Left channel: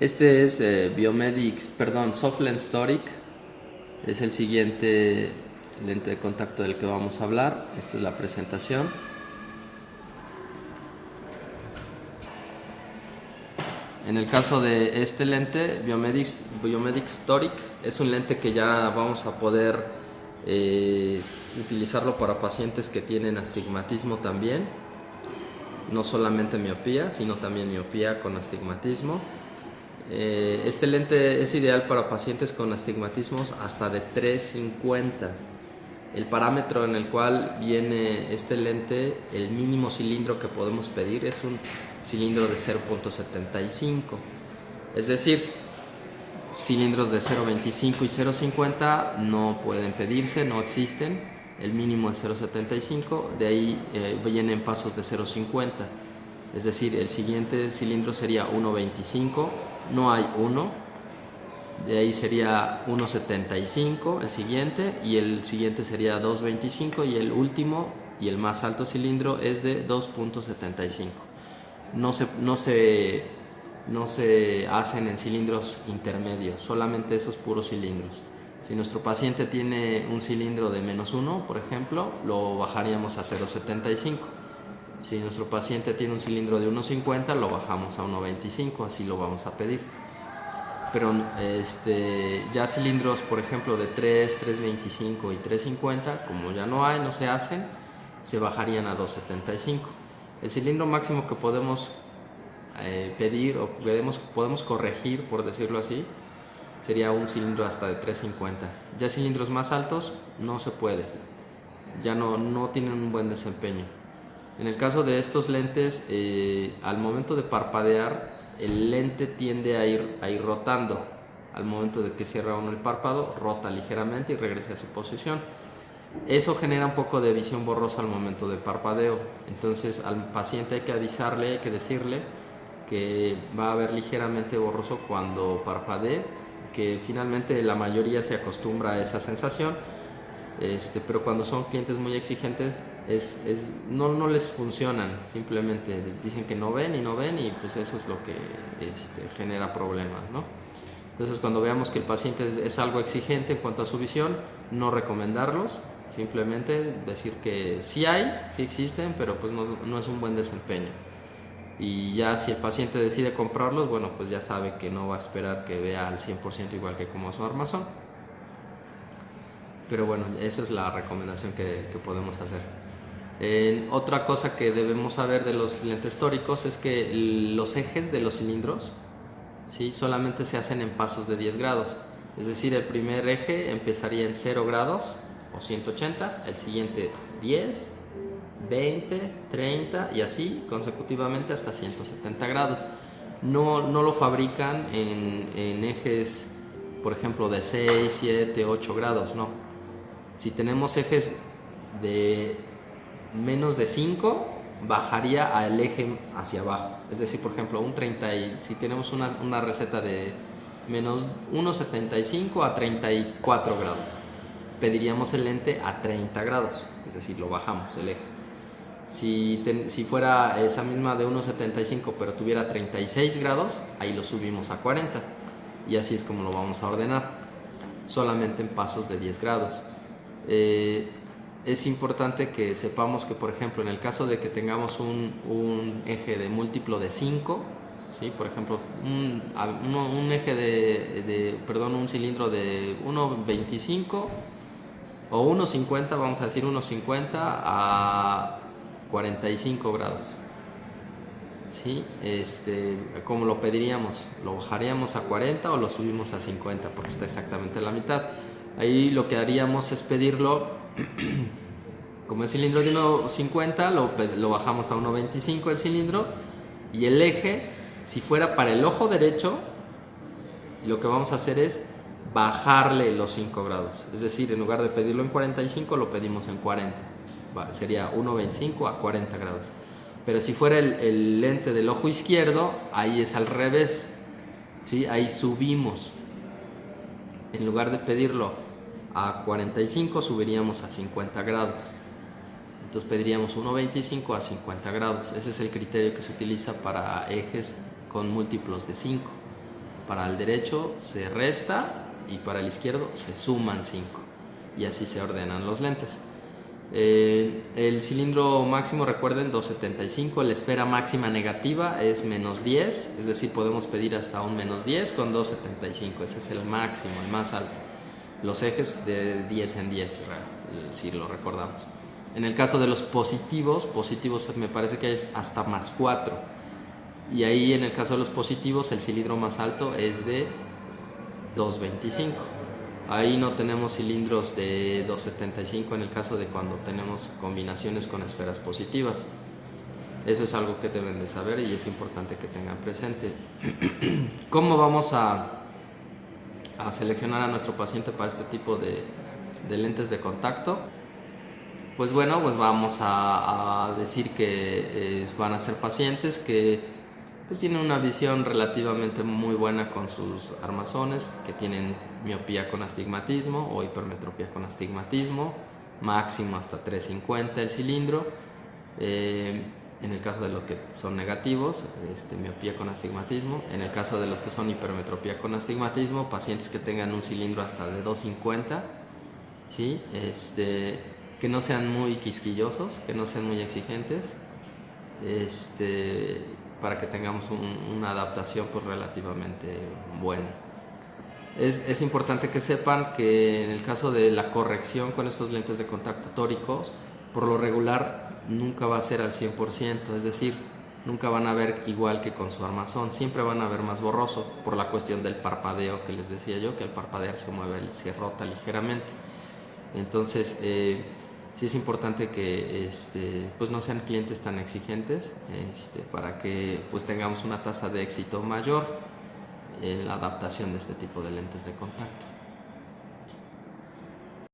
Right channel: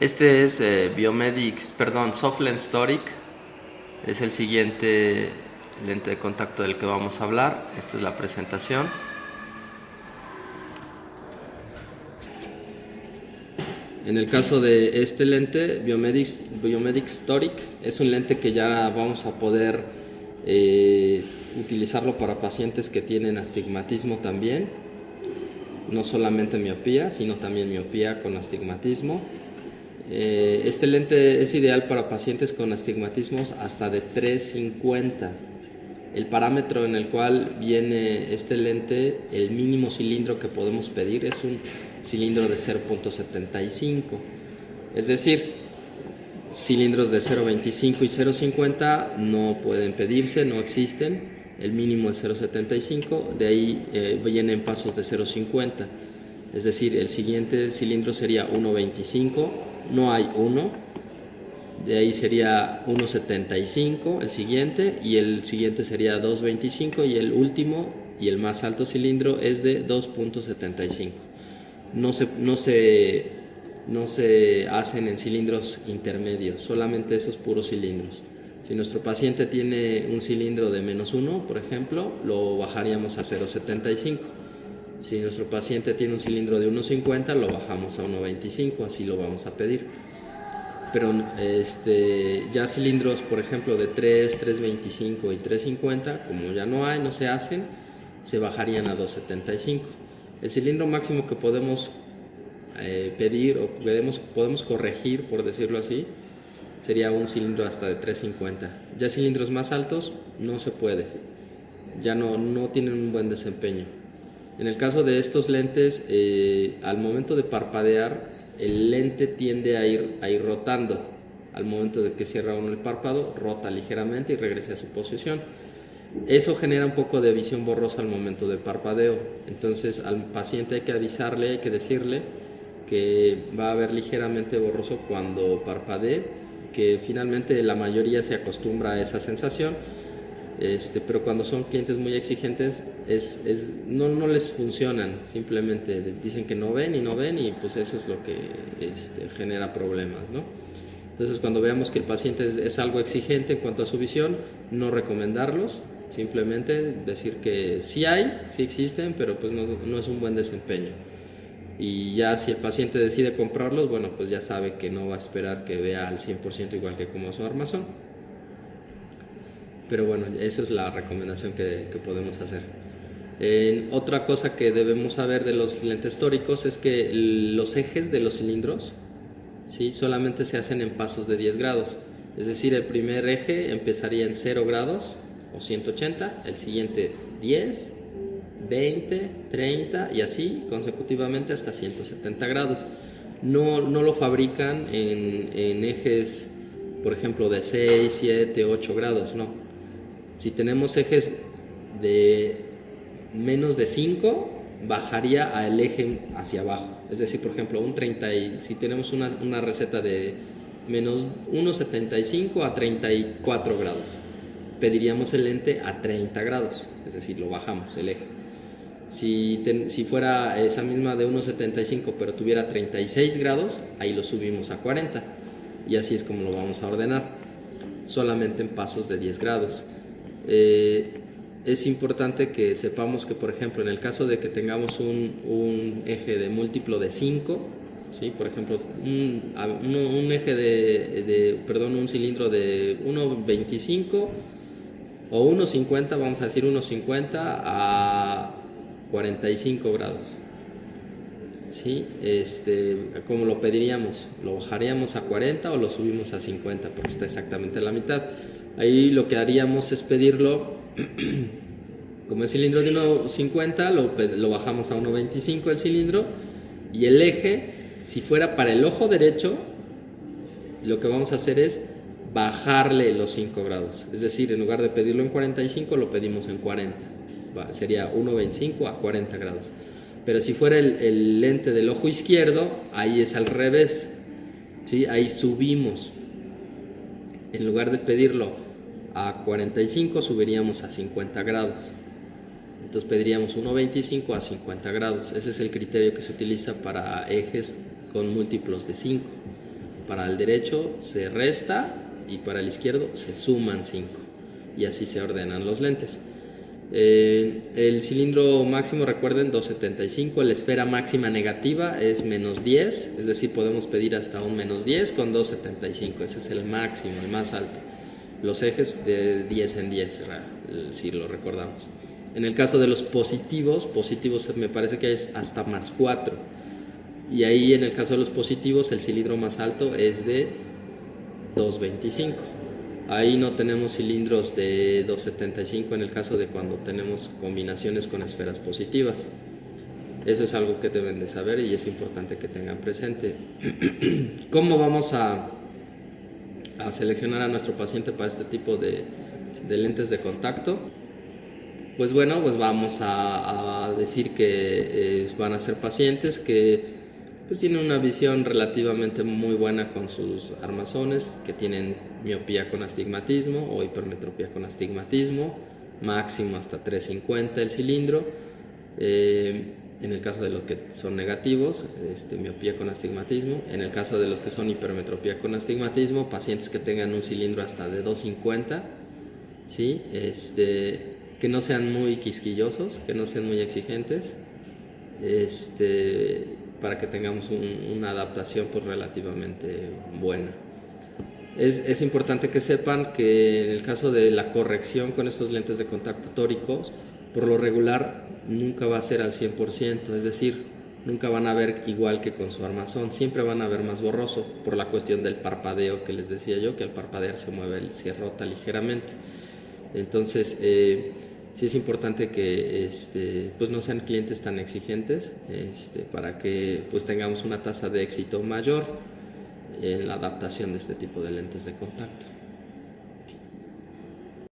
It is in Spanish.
Este es Biomedics, perdón, SofLens Toric. Es el siguiente lente de contacto del que vamos a hablar. Esta es la presentación. En el caso de este lente, Biomedics Toric, es un lente que ya vamos a poder utilizarlo para pacientes que tienen astigmatismo también. No solamente miopía, sino también miopía con astigmatismo. Este lente es ideal para pacientes con astigmatismos hasta de 350. El parámetro en el cual viene este lente, el mínimo cilindro que podemos pedir es un cilindro de 0.75. Es decir, cilindros de 0.25 y 0.50 no pueden pedirse, no existen. El mínimo es 0.75, de ahí vienen pasos de 0.50. Es decir, el siguiente cilindro sería 1.25, no hay 1, de ahí sería 1.75 el siguiente, y el siguiente sería 2.25, y el último y el más alto cilindro es de 2.75. No se hacen en cilindros intermedios, solamente esos puros cilindros. Si nuestro paciente tiene un cilindro de -1, por ejemplo, lo bajaríamos a 0.75. Si nuestro paciente tiene un cilindro de 1.50, lo bajamos a 1.25, así lo vamos a pedir. Pero ya cilindros, por ejemplo, de 3, 3.25 y 3.50, como ya no se hacen, se bajarían a 2.75. El cilindro máximo que podemos pedir o podemos corregir, por decirlo así, sería un cilindro hasta de 3.50. Ya cilindros más altos no se puede, ya no tienen un buen desempeño. En el caso de estos lentes, al momento de parpadear, el lente tiende a ir rotando. Al momento de que cierra uno el párpado, rota ligeramente y regresa a su posición. Eso genera un poco de visión borrosa al momento del parpadeo. Entonces al paciente hay que avisarle, hay que decirle que va a ver ligeramente borroso cuando parpadee, que finalmente la mayoría se acostumbra a esa sensación. Pero cuando son clientes muy exigentes no les funcionan, simplemente dicen que no ven y pues eso es lo que genera problemas, ¿no? Entonces cuando veamos que el paciente es algo exigente en cuanto a su visión, no recomendarlos, simplemente decir que sí existen, pero pues no es un buen desempeño. Y ya si el paciente decide comprarlos, bueno, pues ya sabe que no va a esperar que vea al 100% igual que como su armazón. Pero bueno, esa es la recomendación que podemos hacer. Otra cosa que debemos saber de los lentes tóricos es que los ejes de los cilindros, ¿sí?, solamente se hacen en pasos de 10 grados. Es decir, el primer eje empezaría en 0 grados o 180, el siguiente 10, 20, 30 y así consecutivamente hasta 170 grados. No lo fabrican en ejes, por ejemplo, de 6, 7, 8 grados, no. Si tenemos ejes de menos de 5, bajaría al eje hacia abajo. Es decir, por ejemplo, si tenemos una receta de menos 1.75 a 34 grados, pediríamos el lente a 30 grados, es decir, lo bajamos el eje. Si fuera esa misma de 1.75 pero tuviera 36 grados, ahí lo subimos a 40, y así es como lo vamos a ordenar, solamente en pasos de 10 grados. Es importante que sepamos que, por ejemplo, en el caso de que tengamos un eje de múltiplo de 5, ¿sí?, por ejemplo, un cilindro de 1.25 o 1.50, vamos a decir 1.50 a 45 grados, ¿sí? ¿Cómo lo pediríamos? ¿Lo bajaríamos a 40 o lo subimos a 50? Porque está exactamente a la mitad. Ahí lo que haríamos es pedirlo, como el cilindro de 1.50, lo bajamos a 1.25 el cilindro, y el eje, si fuera para el ojo derecho, lo que vamos a hacer es bajarle los 5 grados. Es decir, en lugar de pedirlo en 45, lo pedimos en 40. Sería 1.25 a 40 grados. Pero si fuera el lente del ojo izquierdo, ahí es al revés, ¿sí? Ahí subimos. En lugar de pedirlo a 45, subiríamos a 50 grados. Entonces pediríamos 1.25 a 50 grados. Ese es el criterio que se utiliza para ejes con múltiplos de 5. Para el derecho se resta y para el izquierdo se suman 5. Y así se ordenan los lentes. El cilindro máximo, recuerden, 2.75. La esfera máxima negativa es -10, es decir, podemos pedir hasta un -10 con 2.75. Ese es el máximo, el más alto. Los ejes de 10 en 10, si lo recordamos. En el caso de los positivos me parece que es hasta +4. Y ahí, en el caso de los positivos, el cilindro más alto es de 2.25. Ahí no tenemos cilindros de 2.75 en el caso de cuando tenemos combinaciones con esferas positivas. Eso es algo que deben de saber y es importante que tengan presente. ¿Cómo vamos a seleccionar a nuestro paciente para este tipo de lentes de contacto? Pues bueno, pues vamos a decir que van a ser pacientes que pues tienen una visión relativamente muy buena con sus armazones, que tienen miopía con astigmatismo o hipermetropía con astigmatismo, máximo hasta 3.50 el cilindro. En el caso de los que son negativos, miopía con astigmatismo. En el caso de los que son hipermetropía con astigmatismo, pacientes que tengan un cilindro hasta de 2.50, ¿sí? Que no sean muy quisquillosos, que no sean muy exigentes, para que tengamos una adaptación pues relativamente buena. Es importante que sepan que en el caso de la corrección con estos lentes de contacto tóricos, por lo regular nunca va a ser al 100%, es decir, nunca van a ver igual que con su armazón, siempre van a ver más borroso por la cuestión del parpadeo que les decía yo, que al parpadear se rota ligeramente. Entonces, sí es importante que pues no sean clientes tan exigentes, para que pues tengamos una tasa de éxito mayor en la adaptación de este tipo de lentes de contacto.